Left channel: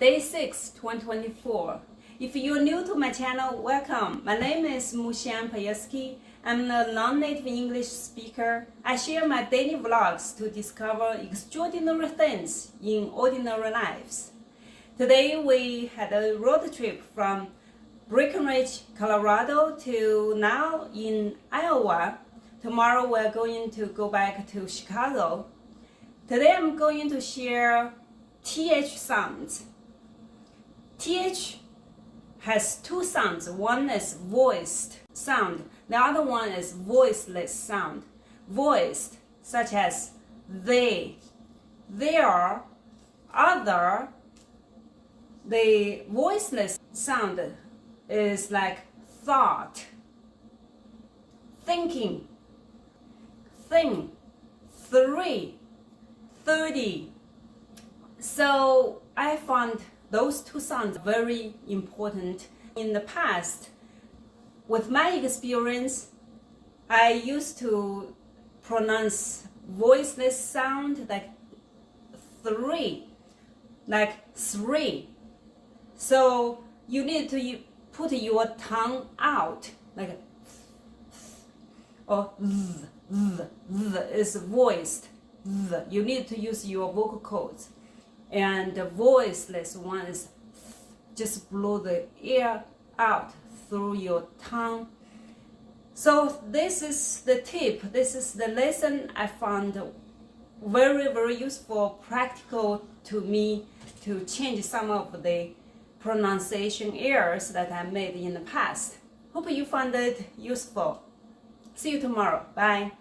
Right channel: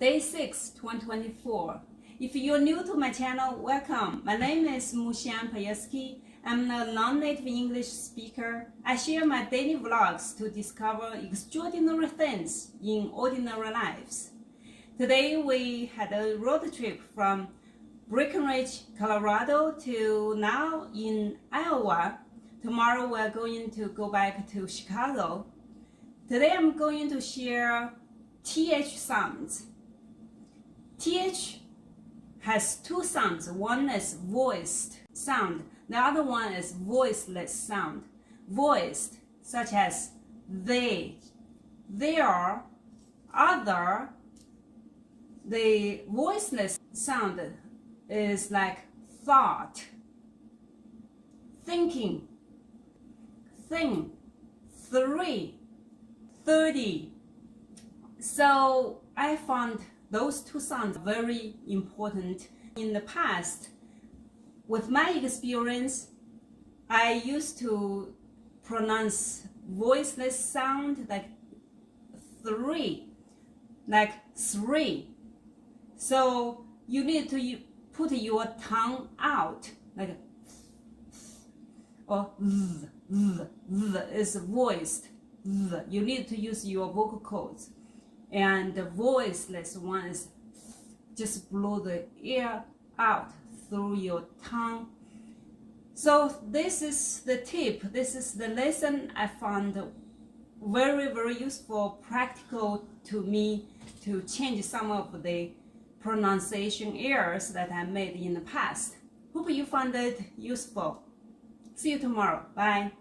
Day 6, 2024. If you're new to my channel, welcome. My name is Mushan Payeski. I'm a non-native English speaker. I share my daily vlogs to discover extraordinary things in ordinary lives. Today we had a road trip from Breckenridge, Colorado to now in Iowa. Tomorrow we're going to go back to Chicago. Today I'm going to share TH sounds. TH has two sounds. One is voiced sound. The other one is voiceless sound. Voiced, such as they, their, other. The voiceless sound is like thought, thinking, thing, 3, 30. So I found those two sounds very important. In the past, with my experience, I used to pronounce voiceless sound like 3, like 3. So you need to put your tongue out, like, or is voiced. You need to use your vocal cords. And the voiceless one is just blow the air out through your tongue. So this is the tip. This is the lesson I found very, very useful, practical to me to change some of the pronunciation errors that I made in the past. Hope you found it useful. See you tomorrow. Bye.